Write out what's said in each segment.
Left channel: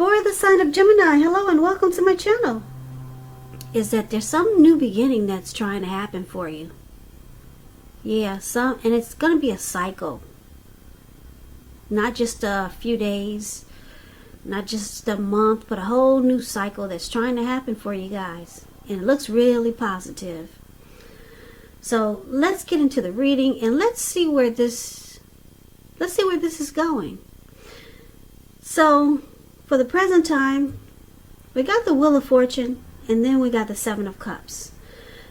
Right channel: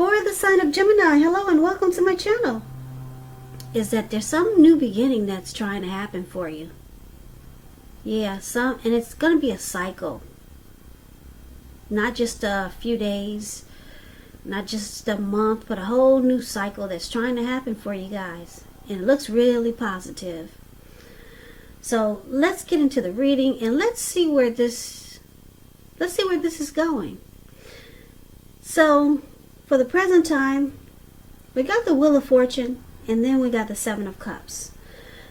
For the sign of Gemini, hello and welcome to my channel. Is that there's some new beginning that's trying to happen for you. Yeah, and it's going to be a cycle. Not just a few days, not just a month, but a whole new cycle that's trying to happen for you guys. And it looks really positive. So let's get into the reading and let's see where this is going. So for the present time, we got the Wheel of Fortune and then we got the Seven of Cups.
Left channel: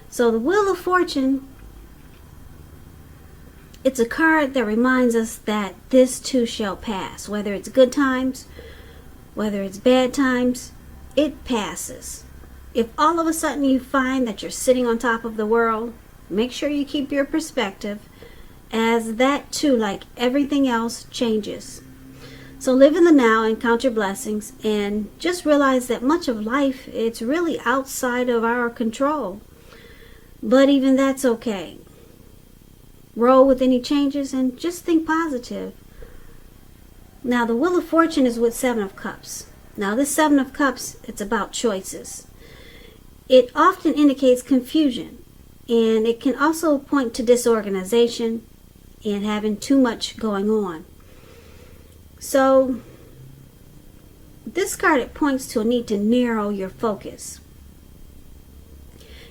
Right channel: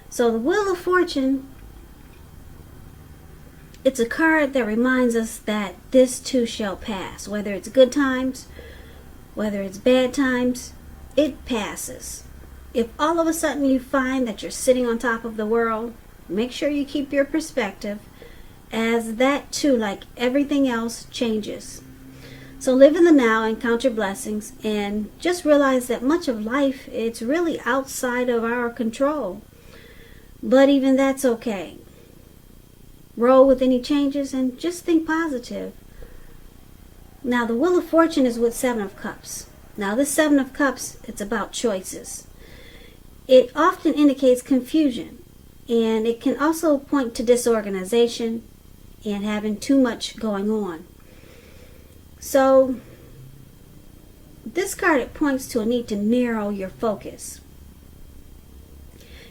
So the Wheel of Fortune, it's a card that reminds us that this too shall pass. Whether it's good times, whether it's bad times, it passes. If all of a sudden you find that you're sitting on top of the world, make sure you keep your perspective, as that too, like everything else, changes. So live in the now and count your blessings, and just realize that much of life, it's really outside of our control. But even that's okay. Roll with any changes and just think positive. Now the Wheel of Fortune is with Seven of Cups. Now this Seven of Cups, it's about choices. It often indicates confusion, and it can also point to disorganization and having too much going on. So this card, it points to a need to narrow your focus.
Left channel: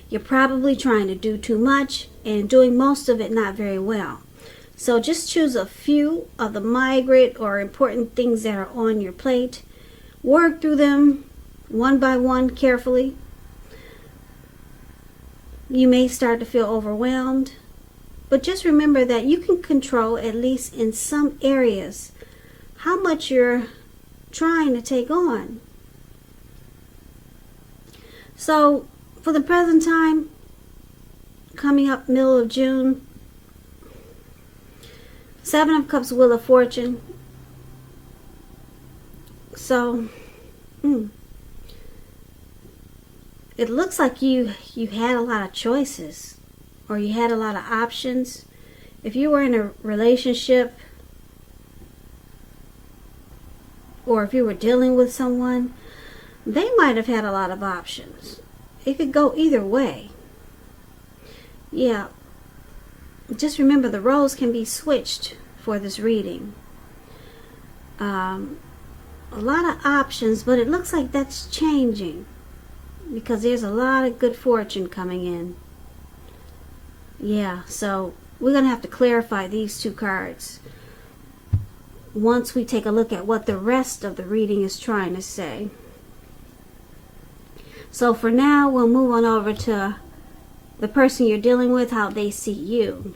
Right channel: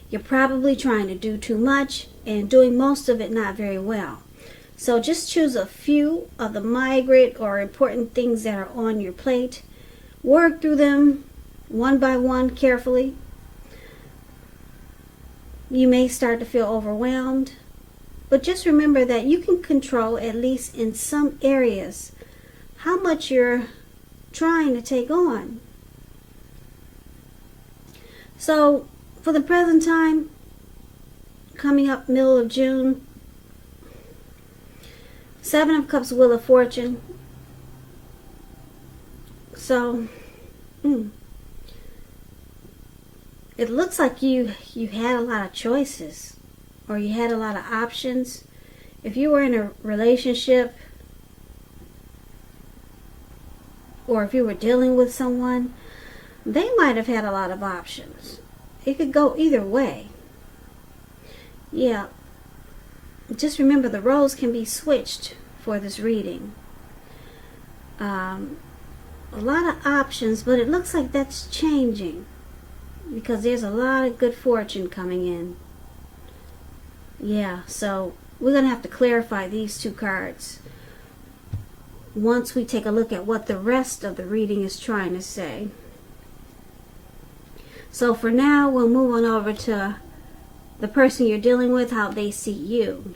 You're probably trying to do too much and doing most of it not very well. So just choose a few of the migrant or important things that are on your plate. Work through them one by one carefully. You may start to feel overwhelmed, but just remember that you can control, at least in some areas, how much you're trying to take on. So for the present time, coming up middle of June, Seven of Cups, Wheel of Fortune. So it looks like you had a lot of choices, or you had a lot of options. If you were in a relationship, or if you were dealing with someone, they might have had a lot of options. It could go either way. Yeah. Just remember, the roles can be switched for this reading. A lot of options, but it looks like that's changing, because there's a lot of good fortune coming in. Yeah, so we're going to have to clarify these two cards once we take a look at what the rest of the reading is trying to say. So for now, we'll move on over to the person you're dealing with, how they see you.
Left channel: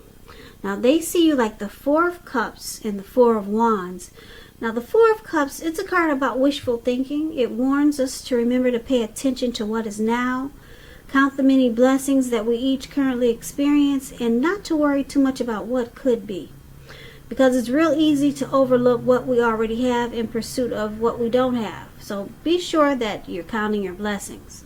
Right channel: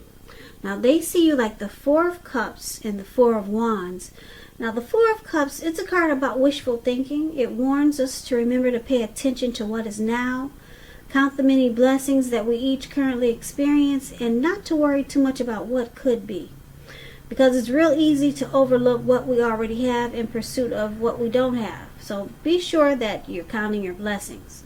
Now they see you like the Four of Cups and the Four of Wands. Now the Four of Cups, it's a card about wishful thinking. It warns us to remember to pay attention to what is now, count the many blessings that we each currently experience, and not to worry too much about what could be. Because it's real easy to overlook what we already have in pursuit of what we don't have. So be sure that you're counting your blessings.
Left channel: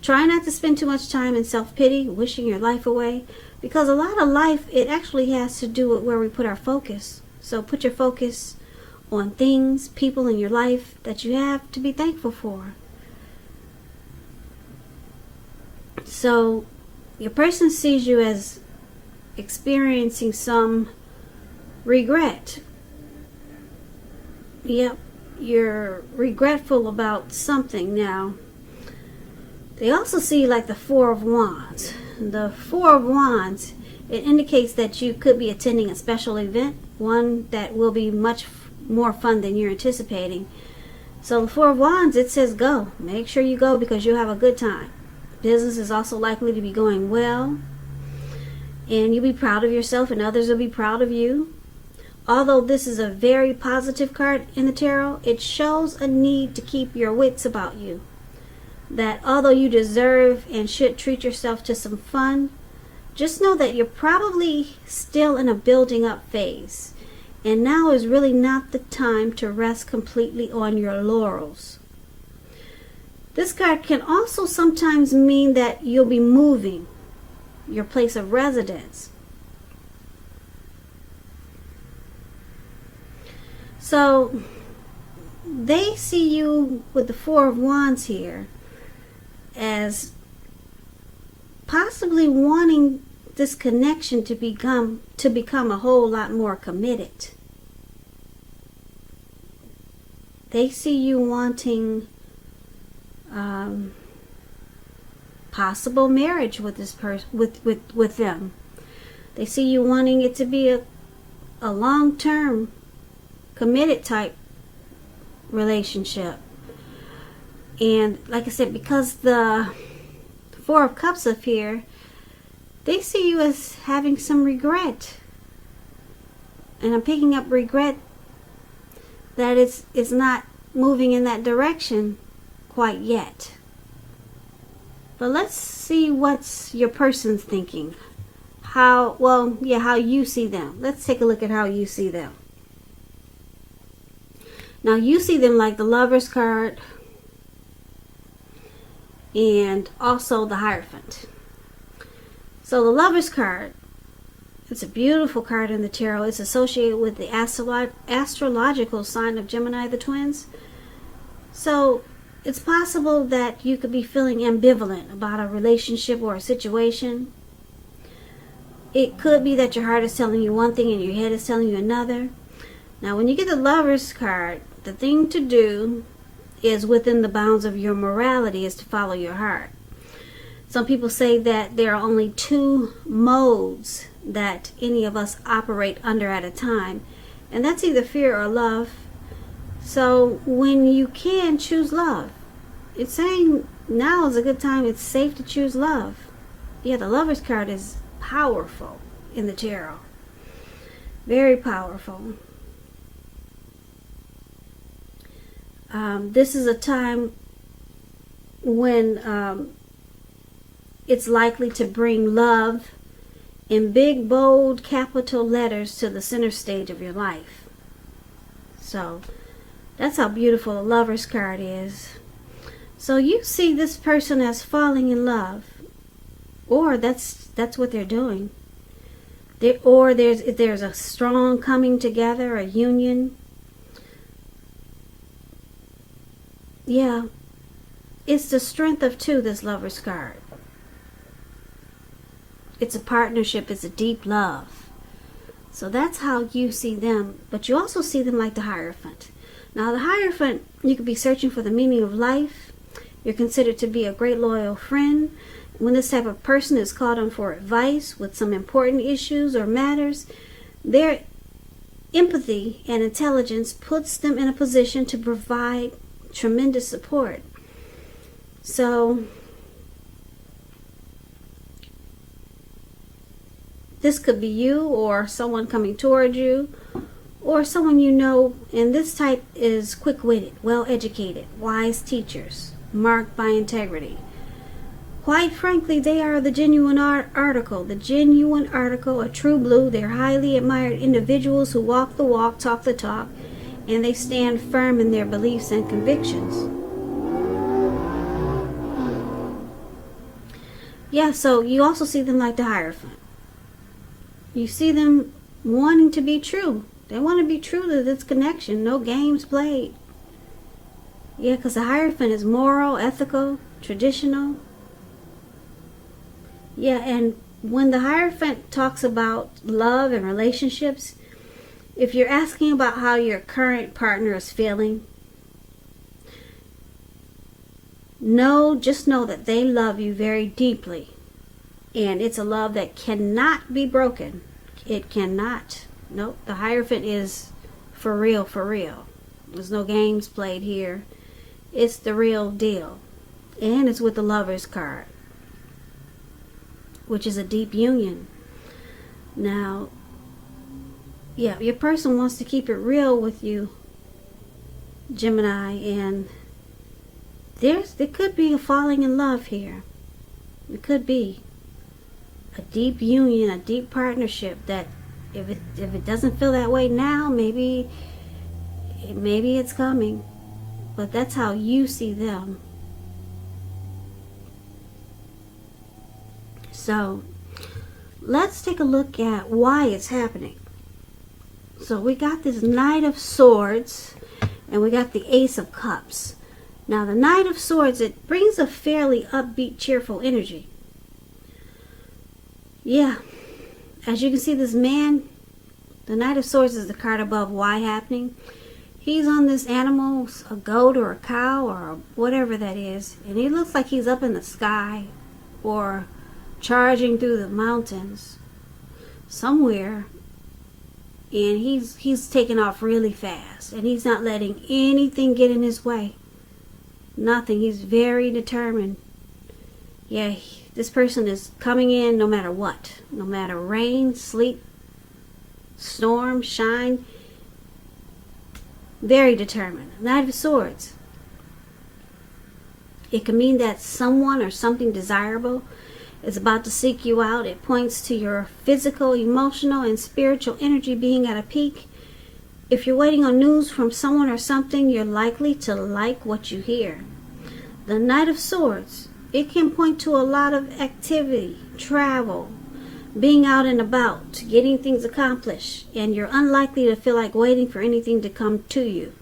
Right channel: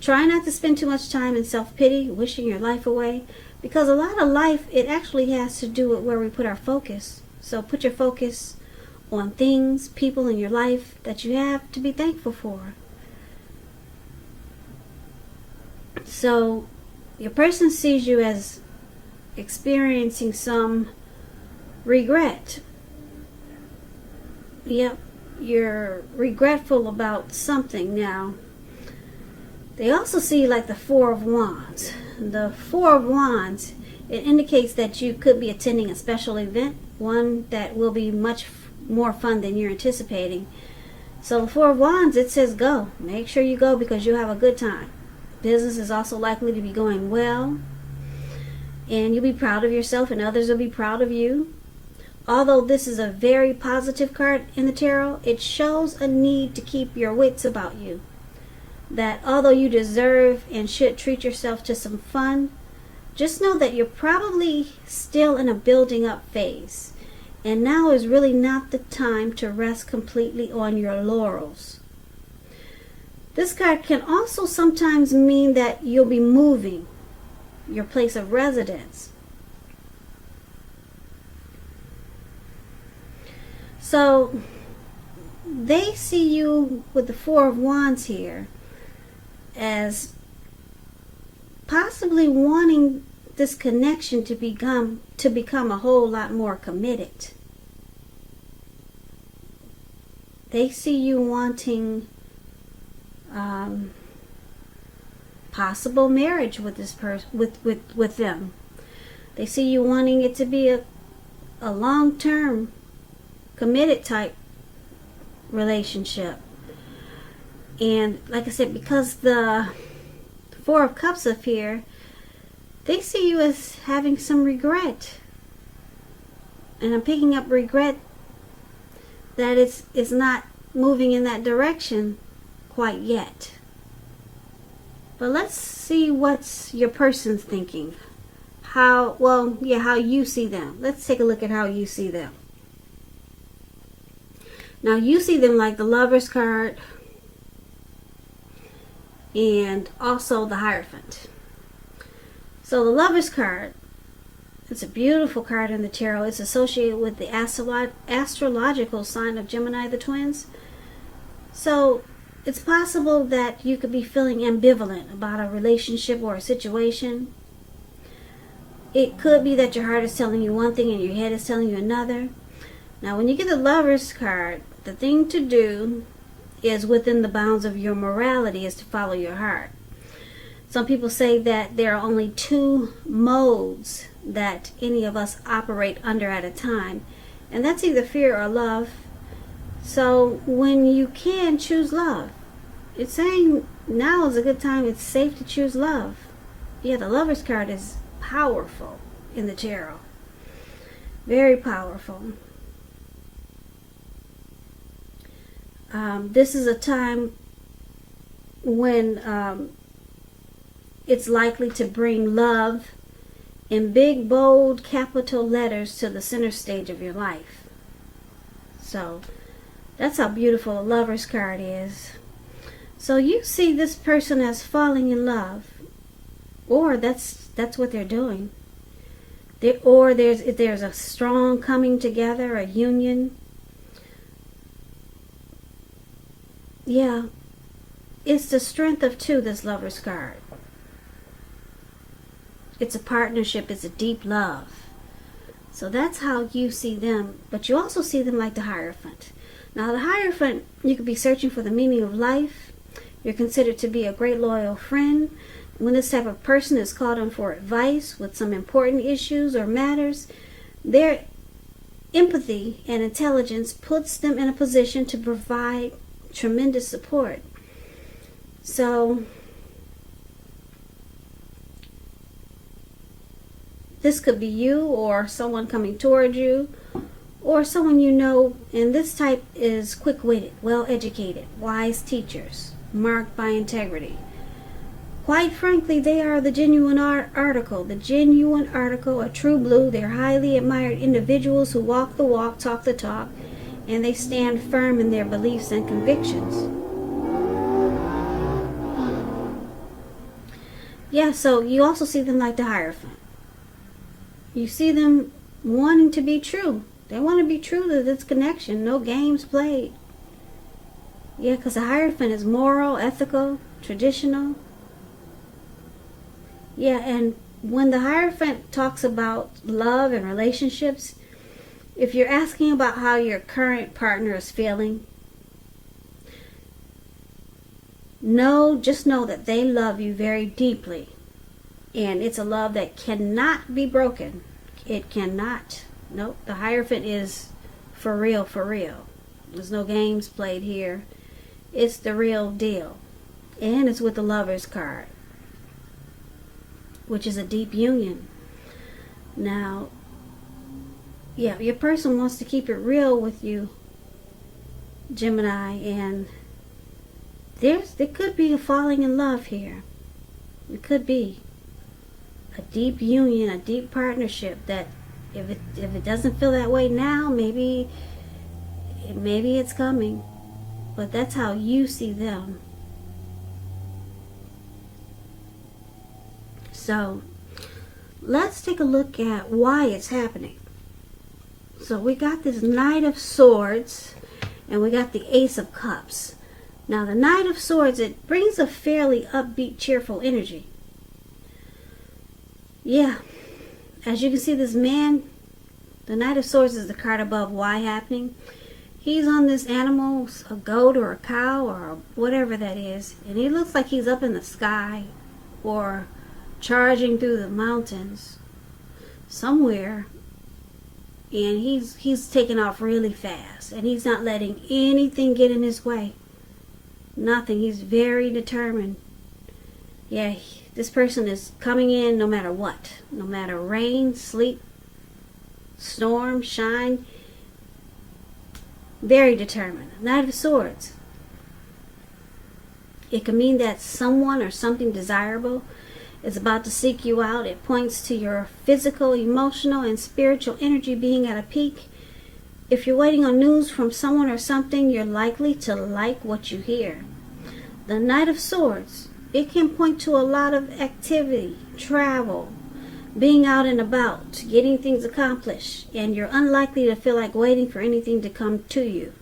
Try not to spend too much time in self-pity, wishing your life away, because a lot of life, it actually has to do with where we put our focus. So put your focus on things, people in your life that you have to be thankful for. So your person sees you as experiencing some regret. Yep, you're regretful about something now. They also see you like the Four of Wands. The Four of Wands, it indicates that you could be attending a special event, one that will be much more fun than you're anticipating. So the Four of Wands, it says go. Make sure you go, because you'll have a good time. Business is also likely to be going well, and you'll be proud of yourself and others will be proud of you. Although this is a very positive card in the tarot, it shows a need to keep your wits about you. That although you deserve and should treat yourself to some fun, just know that you're probably still in a building up phase. And now is really not the time to rest completely on your laurels. This card can also sometimes mean that you'll be moving your place of residence. So they see you with the Four of Wands here as possibly wanting this connection to become a whole lot more committed. They see you wanting possible marriage with this person, with them. They see you wanting it to be a long-term committed type relationship. And like I said, because the Four of Cups up here, they see you as having some regret. And I'm picking up regret that it's not moving in that direction quite yet. But let's see what's your person's thinking. How you see them. Let's take a look at how you see them. Now you see them like the Lover's card and also the Hierophant. So the Lover's card, it's a beautiful card in the tarot. It's associated with the astrological sign of Gemini, the twins. So it's possible that you could be feeling ambivalent about a relationship or a situation. It could be that your heart is telling you one thing and your head is telling you another. Now, when you get the Lover's card, the thing to do is within the bounds of your morality is to follow your heart. Some people say that there are only two modes that any of us operate under at a time, and that's either fear or love. So when you can choose love, it's saying now is a good time. It's safe to choose love. Yeah, the Lover's card is powerful in the tarot. Very powerful. This is a time when it's likely to bring love in big, bold, capital letters to the center stage of your life. So that's how beautiful the Lover's card is. So you see this person as falling in love, or that's what they're doing. Or there's a strong coming together, a union. Yeah, it's the strength of two, this Lover's card. It's a partnership, it's a deep love. So that's how you see them, but you also see them like the Hierophant. Now the Hierophant, you could be searching for the meaning of life. You're considered to be a great loyal friend. When this type of person is called on for advice with some important issues or matters, their empathy and intelligence puts them in a position to provide tremendous support. So this could be you or someone coming toward you or someone you know, and this type is quick-witted, well-educated, wise teachers, marked by integrity. Quite frankly, they are the genuine article, a true blue. They're highly admired individuals who walk the walk, talk the talk, and they stand firm in their beliefs and convictions. Yeah, so you also see them like the Hierophant. You see them wanting to be true. They want to be true to this connection. No games played. Yeah, because the Hierophant is moral, ethical, traditional. Yeah, and when the Hierophant talks about love and relationships, if you're asking about how your current partner is feeling, just know that they love you very deeply. And it's a love that cannot be broken. It cannot. Nope, the Hierophant is for real, for real. There's no games played here. It's the real deal. And it's with the Lover's card, which is a deep union. Now, yeah, your person wants to keep it real with you, Gemini, and there could be a falling in love here. It could be a deep union, a deep partnership that if it doesn't feel that way now, maybe it's coming. But that's how you see them. So let's take a look at why it's happening. So we got this Knight of Swords, And we got the Ace of Cups. Now the Knight of Swords, it brings a fairly upbeat, cheerful energy. Yeah. As you can see, this man, the Knight of Swords is the card above why happening. He's on this animal, a goat or a cow or whatever that is. And he looks like he's up in the sky or charging through the mountains somewhere. And he's taking off really fast. And he's not letting anything get in his way. Nothing. He's very determined. Yeah, this person is coming in no matter what. No matter rain, sleet, storm, shine. Very determined. Knight of Swords. It can mean that someone or something desirable is about to seek you out. It points to your physical, emotional, and spiritual energy being at a peak. If you're waiting on news from someone or something, you're likely to like what you hear. The Knight of Swords, it can point to a lot of activity, travel, being out and about, getting things accomplished, and you're unlikely to feel like waiting for anything to come to you.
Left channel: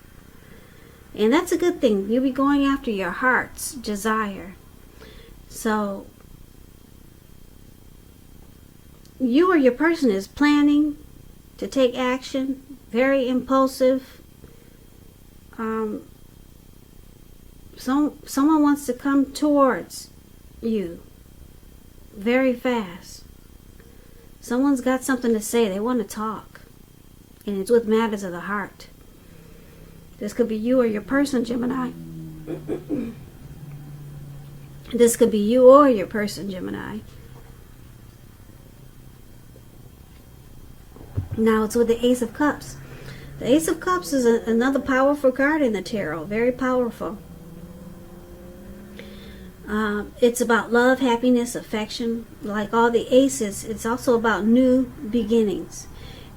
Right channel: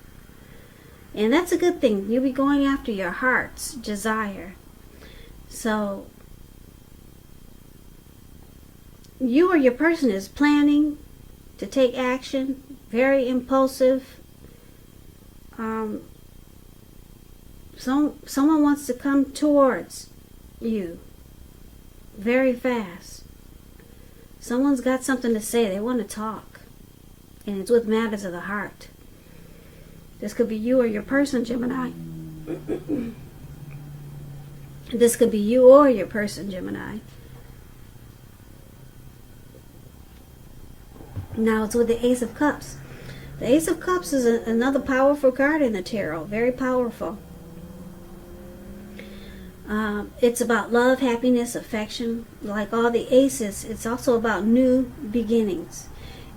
And that's a good thing. You'll be going after your heart's desire. So, you or your person is planning to take action, very impulsive. Someone wants to come towards you very fast. Someone's got something to say. They want to talk. And it's with matters of the heart. This could be you or your person, Gemini. This could be you or your person, Gemini. Now it's with the Ace of Cups. The Ace of Cups is another powerful card in the tarot. Very powerful. It's about love, happiness, affection. Like all the aces, it's also about new beginnings.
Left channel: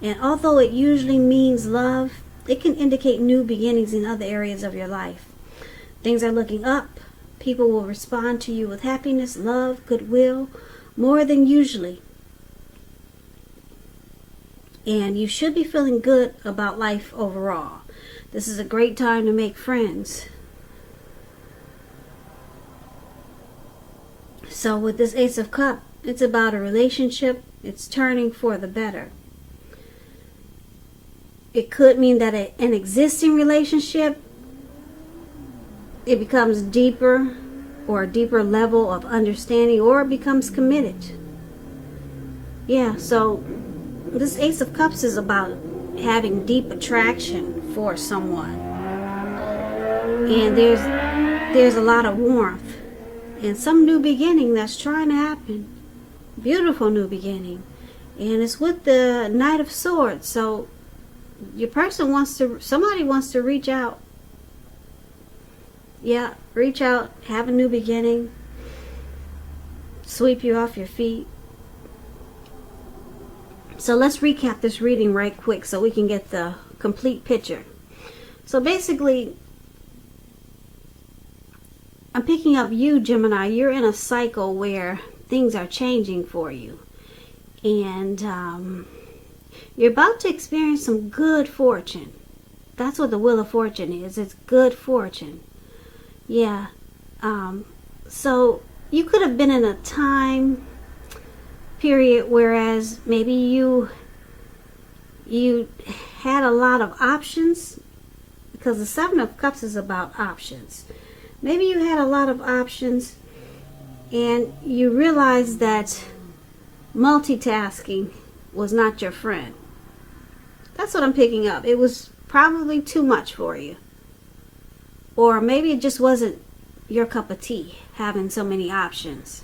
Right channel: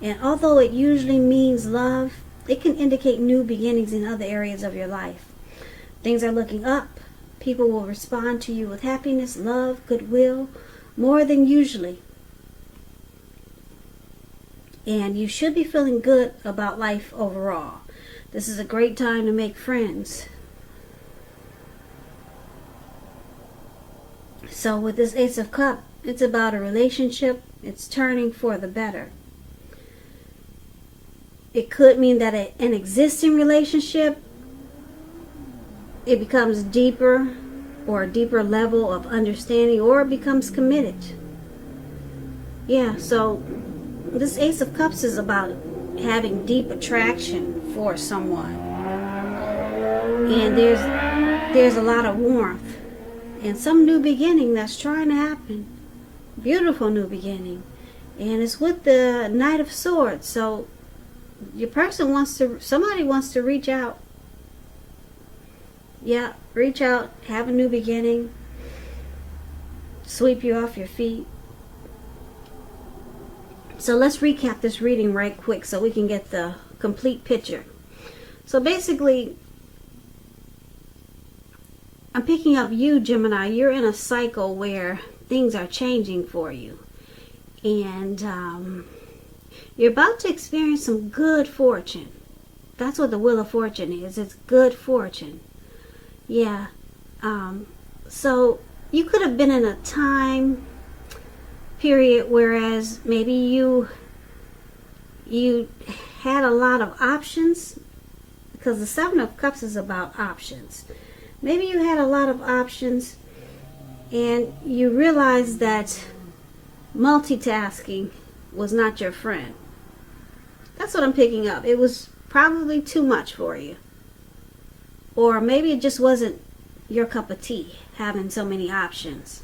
And although it usually means love, it can indicate new beginnings in other areas of your life. Things are looking up. People will respond to you with happiness, love, goodwill, more than usually. And you should be feeling good about life overall. This is a great time to make friends. So with this Ace of Cups, it's about a relationship. It's turning for the better. It could mean that an existing relationship, it becomes deeper or a deeper level of understanding, or it becomes committed. Yeah, so this Ace of Cups is about having deep attraction for someone. And there's a lot of warmth. And some new beginning that's trying to happen. Beautiful new beginning. And it's with the Knight of Swords. So your person somebody wants to reach out. Yeah, reach out, have a new beginning. Sweep you off your feet. So let's recap this reading right quick so we can get the complete picture. So basically, I'm picking up you, Gemini. You're in a cycle where things are changing for you. And you're about to experience some good fortune. That's what the Wheel of Fortune is. It's good fortune. Yeah. So you could have been in a time period whereas maybe you had a lot of options, because the Seven of Cups is about options. Maybe you had a lot of options and you realized that multitasking was not your friend. That's what I'm picking up. It was probably too much for you. Or maybe it just wasn't your cup of tea, having so many options.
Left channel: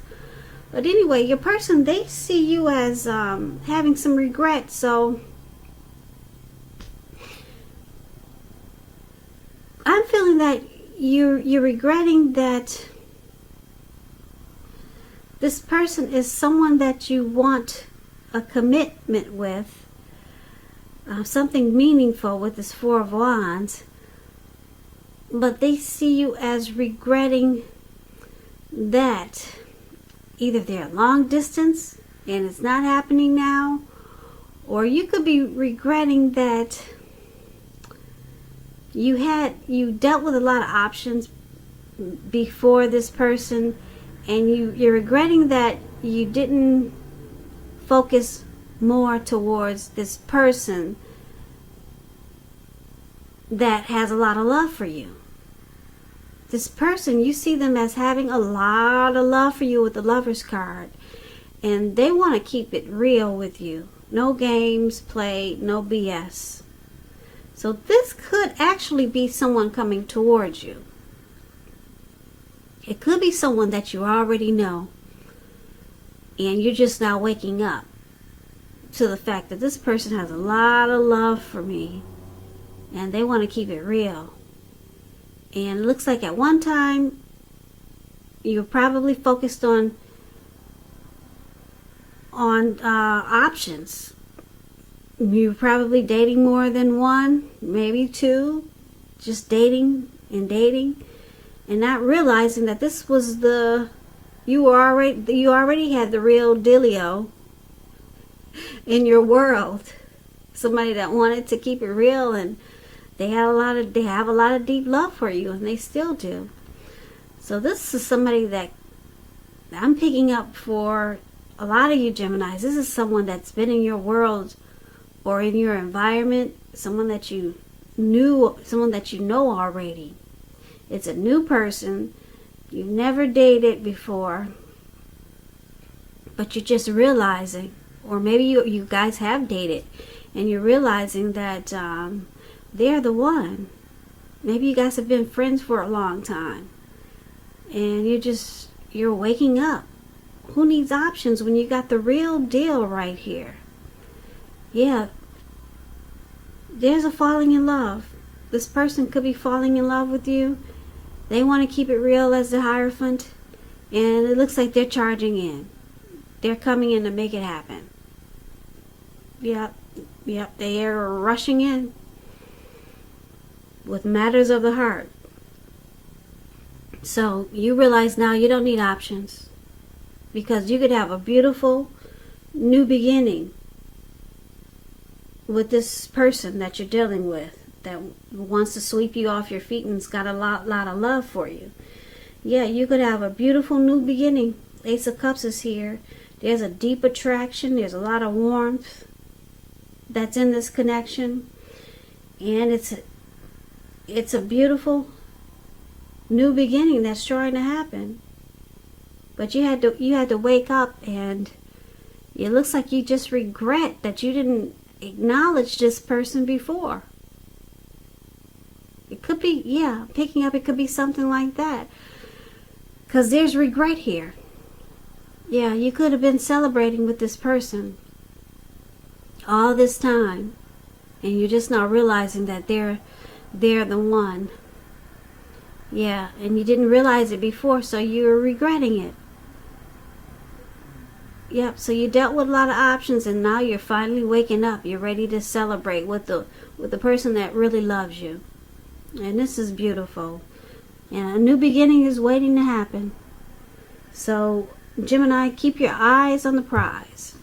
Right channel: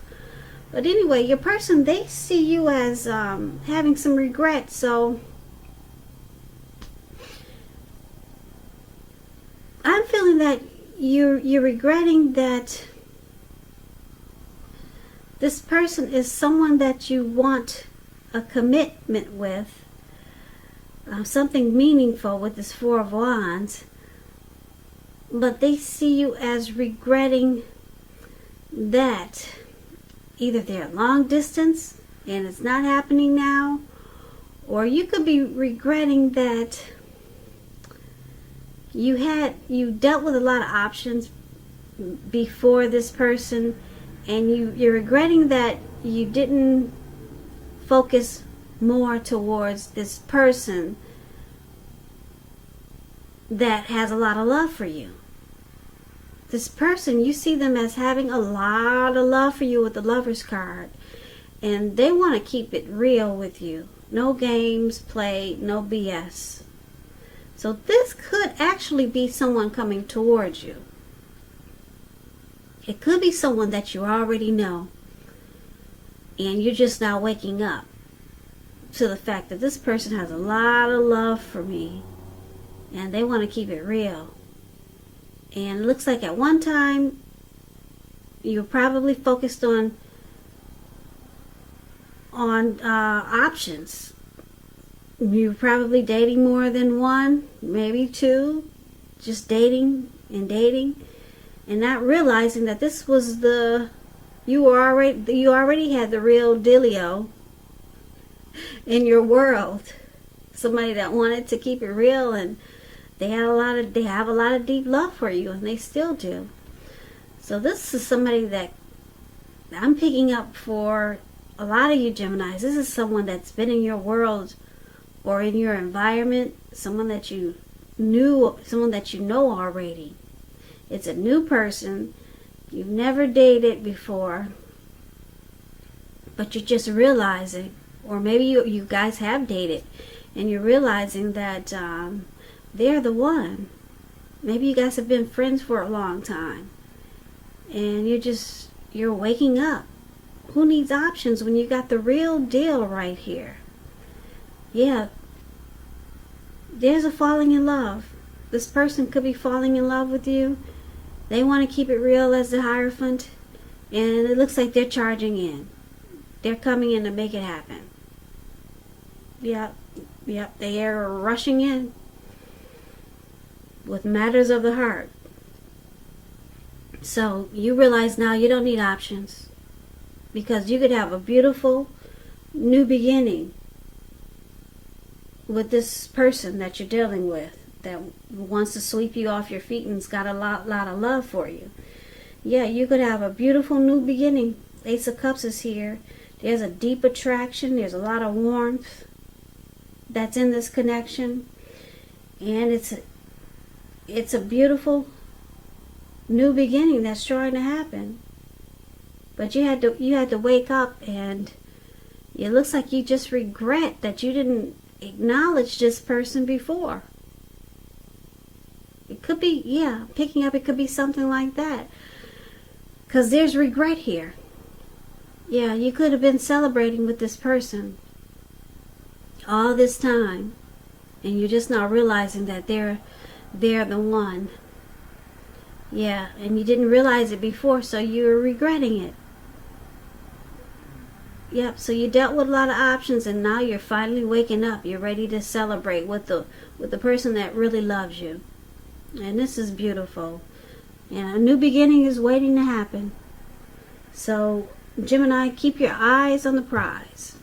But anyway, your person, they see you as having some regret. So I'm feeling that you're regretting that this person is someone that you want a commitment with, something meaningful with this Four of Wands, but they see you as regretting that either they're long distance and it's not happening now, or you could be regretting that you dealt with a lot of options before this person, and you're regretting that you didn't focus more towards this person that has a lot of love for you. This person, you see them as having a lot of love for you with the Lover's card, and they want to keep it real with you. No games played, no BS. So this could actually be someone coming towards you. It could be someone that you already know, and you're just now waking up to the fact that this person has a lot of love for me, and they want to keep it real. And it looks like at one time you were probably focused on options. You were probably dating more than one, maybe two, just dating, and not realizing that this was you already had the real dealio in your world. Somebody that wanted to keep it real, and they have a lot of deep love for you, and they still do. So this is somebody that I'm picking up for a lot of you Geminis. This is someone that's been in your world or in your environment, someone that you know already. It's a new person. You've never dated before, but you're just realizing, or maybe you guys have dated, and you're realizing that they're the one. Maybe you guys have been friends for a long time, and you're waking up. Who needs options when you got the real deal right here? Yeah, there's a falling in love. This person could be falling in love with you. They want to keep it real as the Hierophant, and it looks like they're charging in. They're coming in to make it happen. Yep, they're rushing in with matters of the heart. So you realize now you don't need options, because you could have a beautiful new beginning with this person that you're dealing with, that wants to sweep you off your feet and has got a lot of love for you. Yeah, you could have a beautiful new beginning. Ace of Cups is here. There's a deep attraction. There's a lot of warmth that's in this connection, and it's a beautiful new beginning that's trying to happen. But you had to wake up, and it looks like you just regret that you didn't acknowledge this person before. It could be, picking up, it could be something like that, because there's regret here. Yeah, you could have been celebrating with this person all this time, and you're just now realizing that they're the one. Yeah, and you didn't realize it before, so you're regretting it. Yep, so you dealt with a lot of options, and now you're finally waking up. You're ready to celebrate with the person that really loves you. And this is beautiful. And a new beginning is waiting to happen. So, Gemini, keep your eyes on the prize.